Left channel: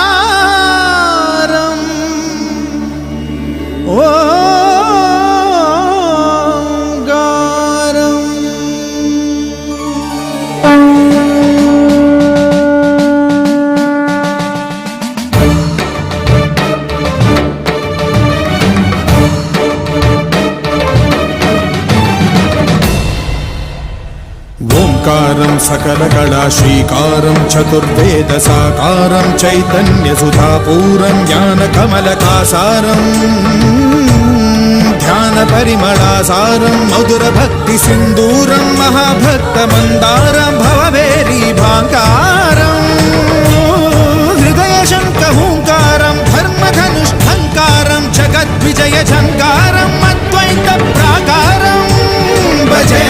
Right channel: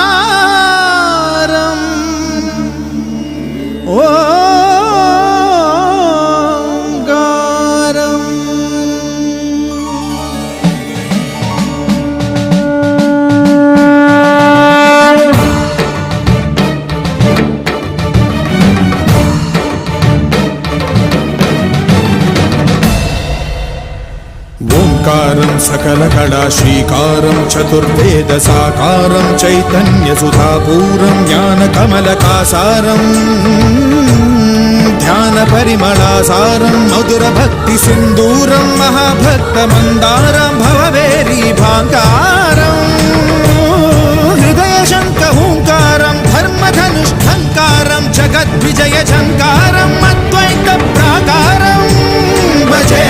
ఓంకారం ఓంకారం ఓంకారం సకల కళా శ్రీకారం చతుర్వేద సాకారం చైతన్య సుధాపూరం జ్ఞాన కమలకాసారం ధ్యాన పరిమళాసారం మధుర భక్తి సింధూరం మహాభక్త మందారం భవభేరీ భాంకారం హృదయ శంఖ హూంకారం ధర్మధనుష్ఠంకారం జగద్విజయ ఝంకారం అద్వైత ప్రాకారం భజే